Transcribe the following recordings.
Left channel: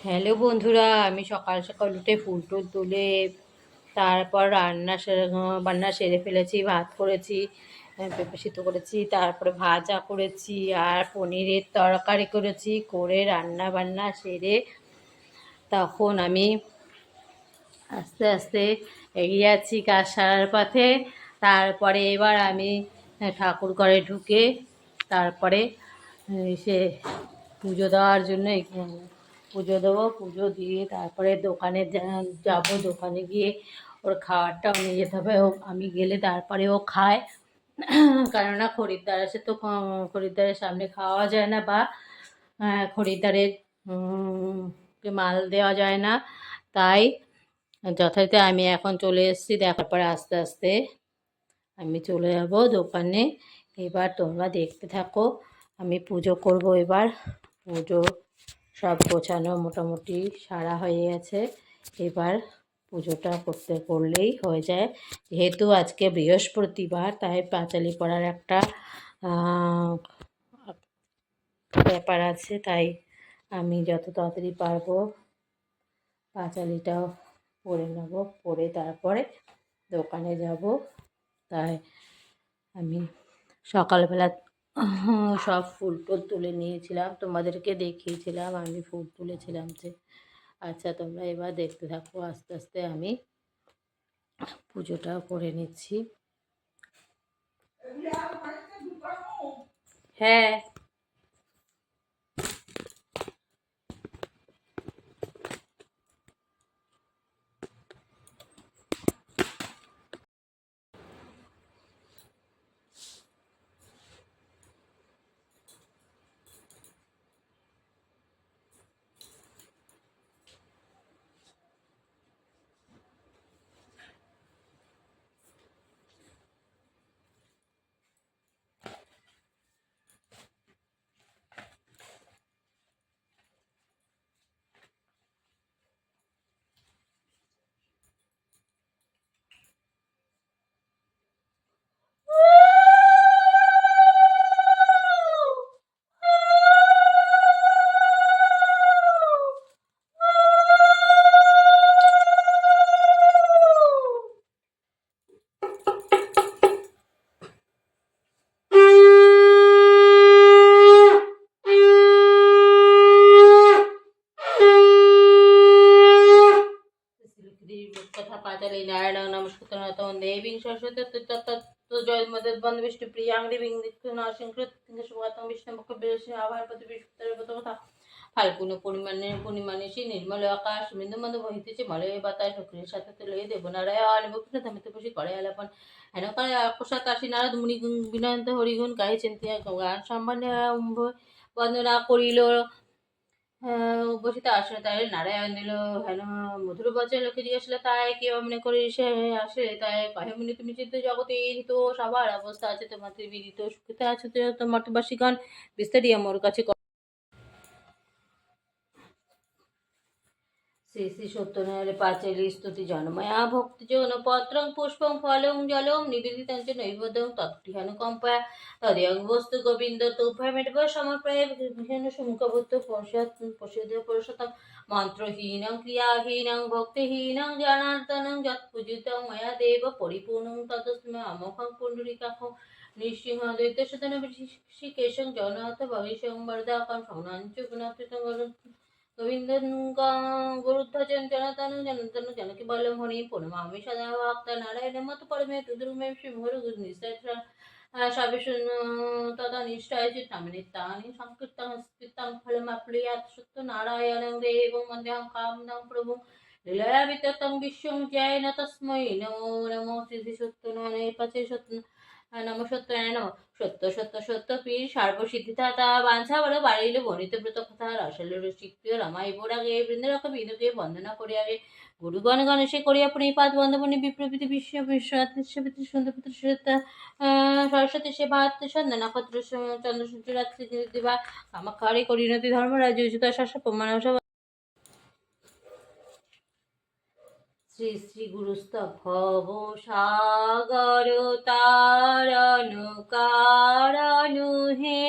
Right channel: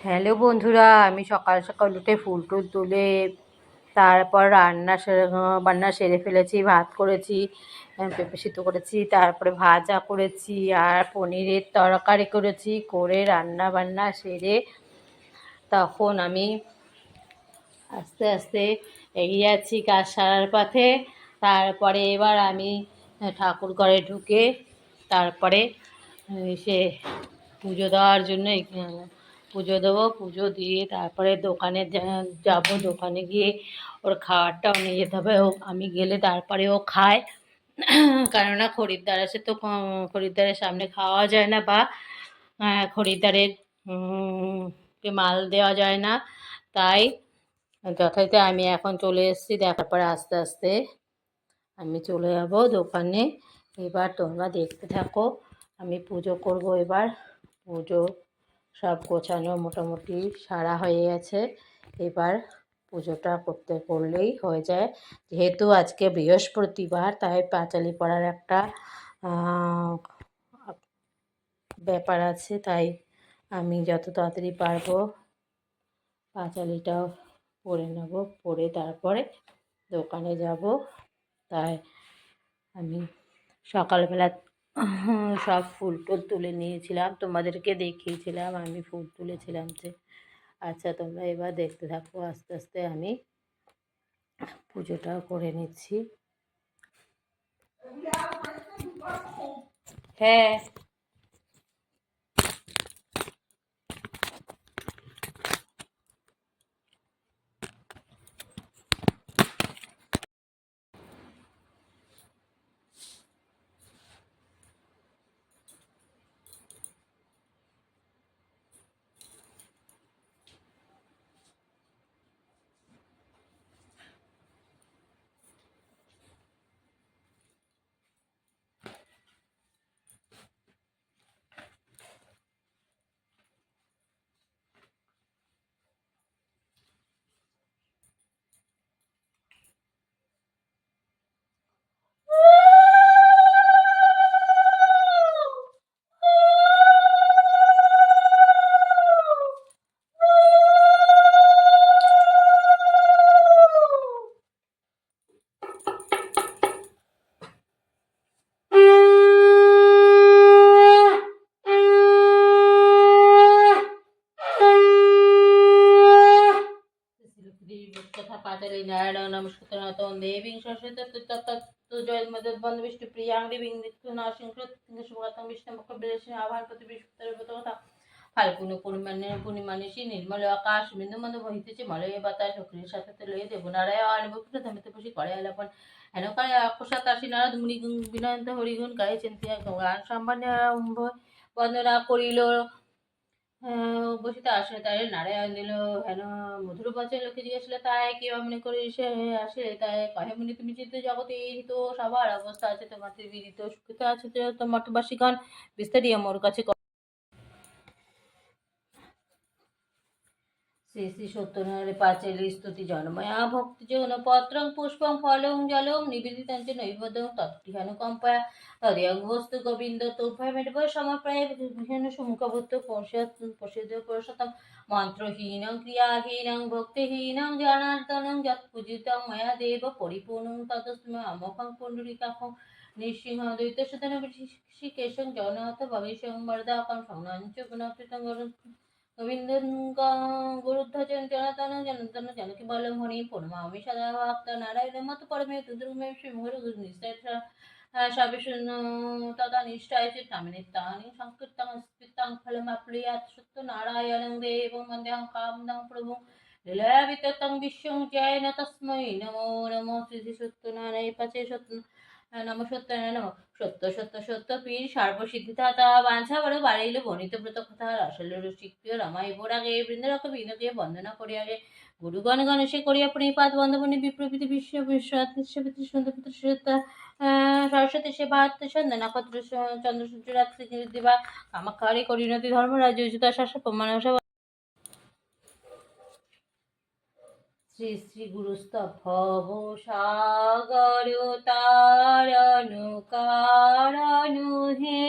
Hello বন্ধুরা, আমি সকাল সকাল উঠে ফুল টুল তুলে তারপর বান্না সেরে ফেলেছি। ভাত করেছি, পেঁপে সিদ্ধ করেছি, তারপরে ভাজা করেছি আর পনিরের তরকারি করেছি। করে রান্না বান্না সেরে তখন আমি আস্তে আস্তে এগিয়ে যাচ্ছি কাজ সারার পথে। তারপরে এবার আমি ঠাকুর ঘরে ঢুকে তারপরে সে পুজো দেওয়ার জন্য পুজো দেবো। পুজো দিয়ে তারপরে দোকানে যাব। দোকানে গিয়ে ওর খাবারটাও নিয়ে যেতে হবে। আমি গেলে তারপরে ও খায়, কেননা খরিদ্দার আছে তো খরিদ্দারের সামনে খাওয়া যায় না, বা খরিদ্দারের কে মাল দেওয়া যায় না। তাই যথারীতি আমি এখন চলে এসেছি। দেখার পরে আস্তে আস্তে আমি চলে যাব দোকানে। এবার তোমরা দেখতে থাকো। আমি পুজো করব এবার। পুজো সব গোছানো মোটামুটি সারা হয়ে গেছে। এবার পুজোটা করলেই হয়ে যায়। যেহেতু আজকে বৃহস্পতিবার, তাই পাঁচালি পড়ার একটা ব্যাপার আছে। তাই আমি যত তাড়াতাড়ি পারবো পাঁচালিটাও পরে নেব, পরে তারপরে দোকানে যাব। তাই আমি সকালবেলা সব ফুল টুল তুলে নিয়েছিলাম, তোমাদেরকে দেখিয়েছিলাম আমি ফুল তুলেছিলাম যে। আচ্ছা, তোমরা এবার দেখতে থাকো। আস্তে আস্তে আমি পুজোটাও করে নিচ্ছি। হ্যাঁ, तथा पाचाली नारायण नमस्कृतं देवीं सरस्वती तत्तत् जयमदद्वन्द् विष्णुप्रियां देवीं दिक्नाशिंकृतं विष्णुमुखबिलेशं आभारपति विष्णुतथा ফাল্গুন পূর্ণিমানিশি নির্মল আকাশ বিন্দুমন্দ বহিতেছে মলয় বাতাস অগ্নির সাথে লয়ে দেবনারায়ণ ভক্ত ধামিত বসে করে আলাপন হেন করে আকশাত আসি নারদ মুনি বিনয়ন্ত হরিগুণ গাইছেন গান সম্বন্ধে বন্দনা করিল। বসিতে আসলে তাই নারায়ণ দিল হেন মধুর বচন লোকে জিজ্ঞাসা তাই কি মনে করি সে আসে। তাই কহে মুনি তুমি চিন্তা জগতে হিত সবার অবস্থা আছে তোমার বিদিত সুখিতে আছো তোমার বাসীগণ বিস্তারিত মোর কাছে। শ্রী শ্রী সত্যনারায়ণ পাঁচালী স্তুতি জনময়া ভক্তিযোগন পত্রং পুষ্পং ফলং জলং নিবেদিতঞ্চ নৈবেদ্যং তৎকৃহানুকম্পয়া তদেয়ং বস্তু গোবিন্দ তুভ্যমেব সমপ্রায় ভীষণ সুমুখভূত পশ্যদ পুরুষোত্তম মন্ত্রহীনং ক্রিয়াহীনং ভক্তিহীনং জনার্দনং যৎপূজিতং ময়া দেব পরিপূর্ণং ততস্মৈ অমোঘং পুণ্ডরীকাক্ষং নৃসিংহ দৈত্যসুতং ঋষিকেশং জগন্নাথ ভবিষ্যং বরদাকং সংনাঞ্চ গুণাতীতং গোবিন্দন গুরুধ্বজন জনাতন জনাতন জনকি বলম হরি পূর্ণমামি সদা ভক্ত নারায়ণ মত পরমে তুদুর্মে শ্রীমহর নিশ্চয় সবে তদা নিষ্ঠায় চিত্তামিনিত্তানি সংকীর্তং স্মৃতং ফলমাপ্নুয়াৎ সত্য নারায়ণং দেবং বন্দেহং কামদং প্রভুং লীলয়া বিততং বিশ্বং জয় তস্मै নমো নমো শ্রী সত্যনারায়ণ পাচে সত্য নম সত্যনারায়ণ নম। সত্য সত্য সত্য পীর সর্বসিদ্ধি দাতা বাঞ্ছা বড় বাড়িল বর্ণিত ব্রত কথা রসল রসিকপ্রিয় রমাই বোরাগে বৃন্দরক বিন্দুকে বন্দনা করিয়াগে গুরুগণ গণেশে করিয়া প্রণিপাত বন্ধবনী বিপ্রভৃতি বিশ্ব বিশ্বপিতৃ সন্ধ্যপিতৃ সরস্বতী সেবা সন্ধ্যা নক্ষত্র চন্দ্র সূর্য রাত্রি দিবা কামাক্ষারে করিণতি ধর্মরাজ উচিত শাসক প্রমাণ শ্রী শ্রী গুরুস্তভব সাগর তারণ কারণ হে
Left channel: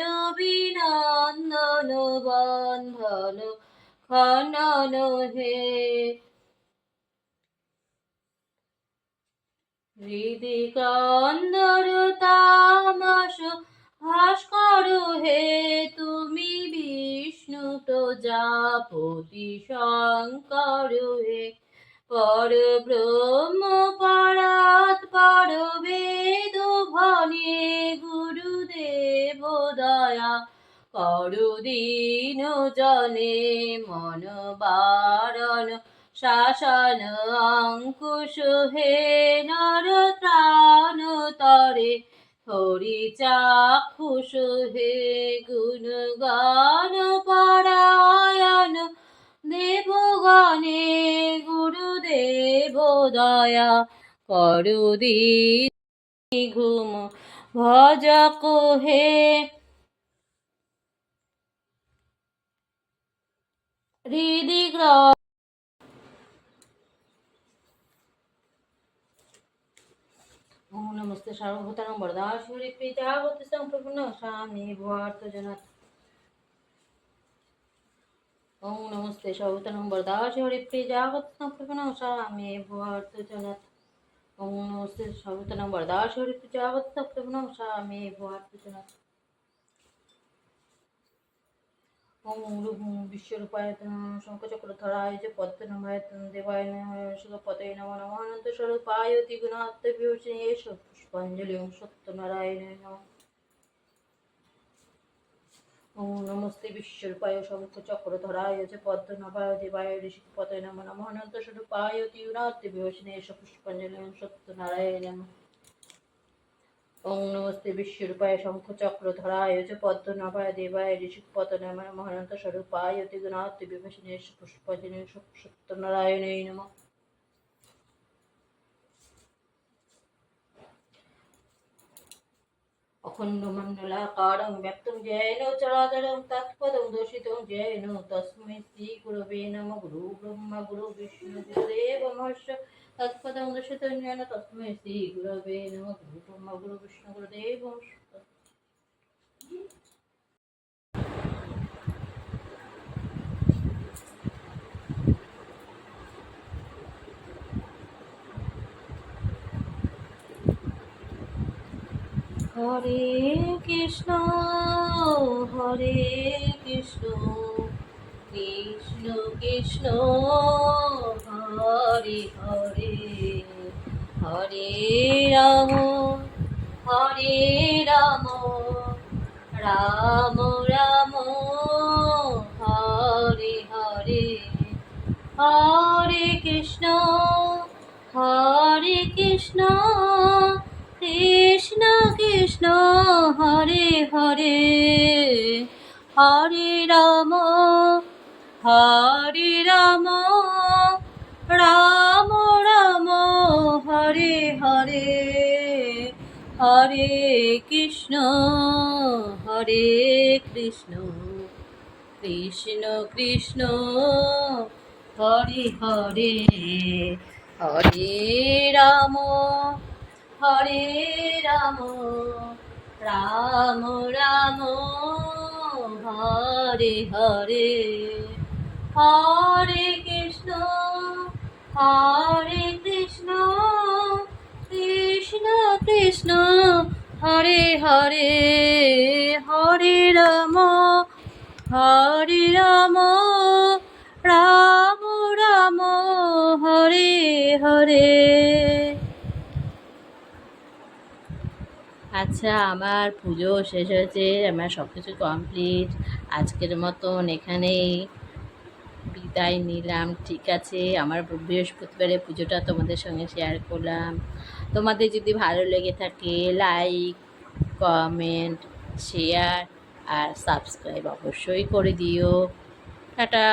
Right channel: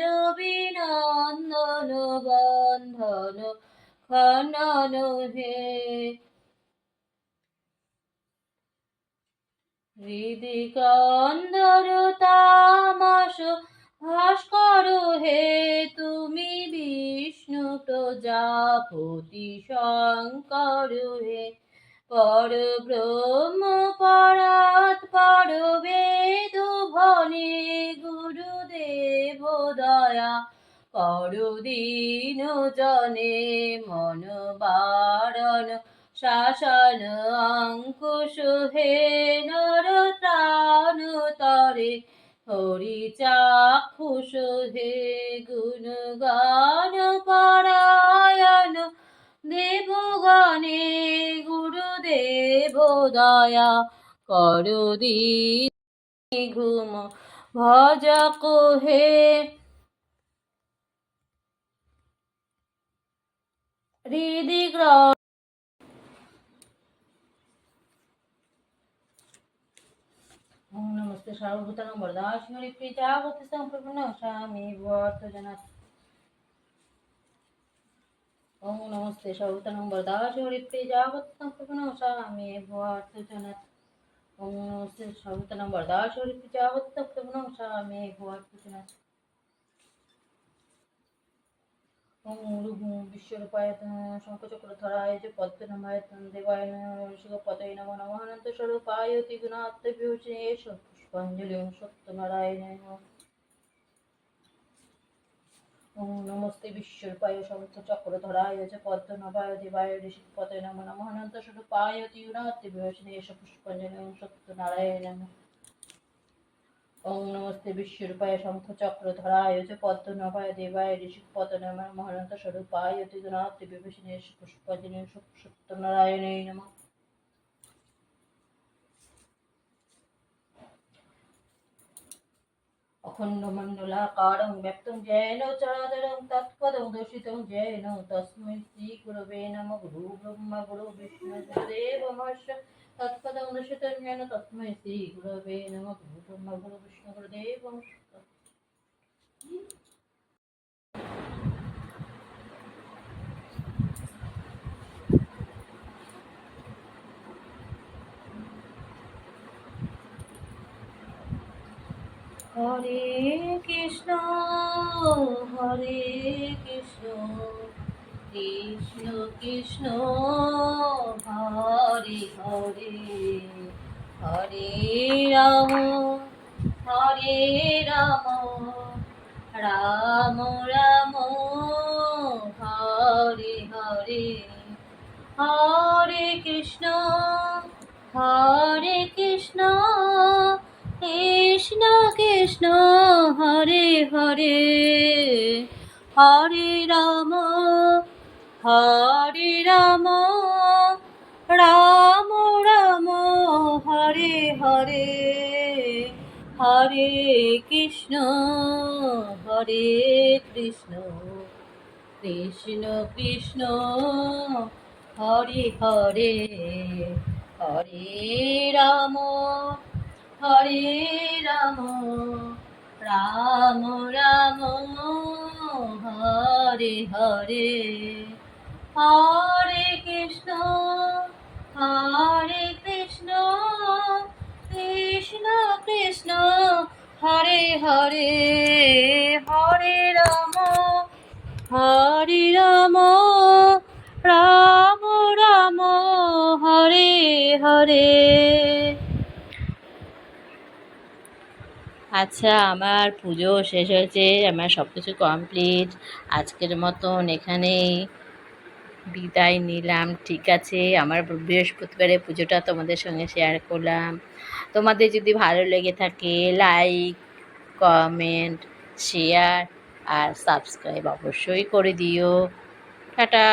রবিনন্দন বন্ধন খনন হে হৃদি ক্রন্দর তামাস ভাস্কর হে তুমি বিষ্ণু প্রজাপতি শঙ্কর হে পর ব্রহ্ম পরাৎ পর বেদ ভনে গুরুদেব দয়া করু দীন জনে মন বারণ শাসন অঙ্কুশ হে নর ত্রাণ তরে হরি চাক্ষুষ হে গুণ গান পরায়ণ দেবগণে গুরুদেব দয়া করু দীন ঘুম ভজক হে হৃদি ओम नमस्ते सर्वभूतानां वरदाशिवरि प्रजापति संप्रपन्न स्वामी भूर्तजनात् ओम नमस्ते सर्वभूतानां वरदाशिवरि प्रजापति संप्रपन्न स्वामी भूर्तजनात् ओम नमस्ते सर्वभूतानां वरदाशिवरि प्रजापति संप्रपन्न स्वामी भूर्तजनात् ओम रूपं विश्वरूपाय शंखचक्रधराय च पद्मनाभाय देवाय शिवपतये नमो नमः अनन्तस्वरूपाय त्रिगुणात्मविभूषणे पुष्पाञ्जलिं सत्यनारायणाय नमः ओम नमस्ते विश्वरूपाय शंखचक्रधराय च पद्मनाभाय देवाय ऋषिपतये नमो नमः अनन्तस्वरूपाय त्रिगुणात्मविभूषणे पुष्पाञ्जलिं सत्यनारायणाय नमः ओम नमस्ते विश्वरूपाय शंखचक्रधराय च पद्मनाभाय देवाय ऋषिपतये नमः अनन्तस्वरूपाय त्रिगुणात्मविभूषणे पुष्पाञ्जलिं सत्यनारायणाय नमः अखण्डमण्डलाकारं व्याप्तं येन चराचरं तत्पदं दर्शितं येन तस्मै श्रीगुरवे नमः गुरुब्रह्मा गुरुविष्णु गुरुदेवो महेश्वरः तत्पदं दर्शितं येन तस्मै श्रीगुरवे नमः गुरुब्रह्मा गुरुविष्णु गुरुदेवो महेश्वरः হরে কৃষ্ণ হরে কৃষ্ণ কৃষ্ণ কৃষ্ণ হরে হরে হরে রাম রাম রাম হরে হরে হরে কৃষ্ণ কৃষ্ণ কৃষ্ণ হরে হরে হরে রাম রাম রাম হরে হরে হরে কৃষ্ণ কৃষ্ণ কৃষ্ণ হরে হরে হরে রাম রাম রাম হরে হরে হরে কৃষ্ণ কৃষ্ণ কৃষ্ণ হরে হরে হরে রাম রাম রাম হরে হরে। আচ্ছা, আমার পুজো শেষ হয়েছে, আমার সব কিছু কমপ্লিট। আজকের মতন এখানেই বিদায় নিলাম। ঠিক আছে, আমার বৃহস্পতিবারের পুজোটা তোমাদের সঙ্গে শেয়ার করলাম। তোমাদের যদি ভালো লেগে থাকে লাইক, কমেন্ট, শেয়ার আর সাবস্ক্রাইব অবশ্যই করে দিও। টাটা।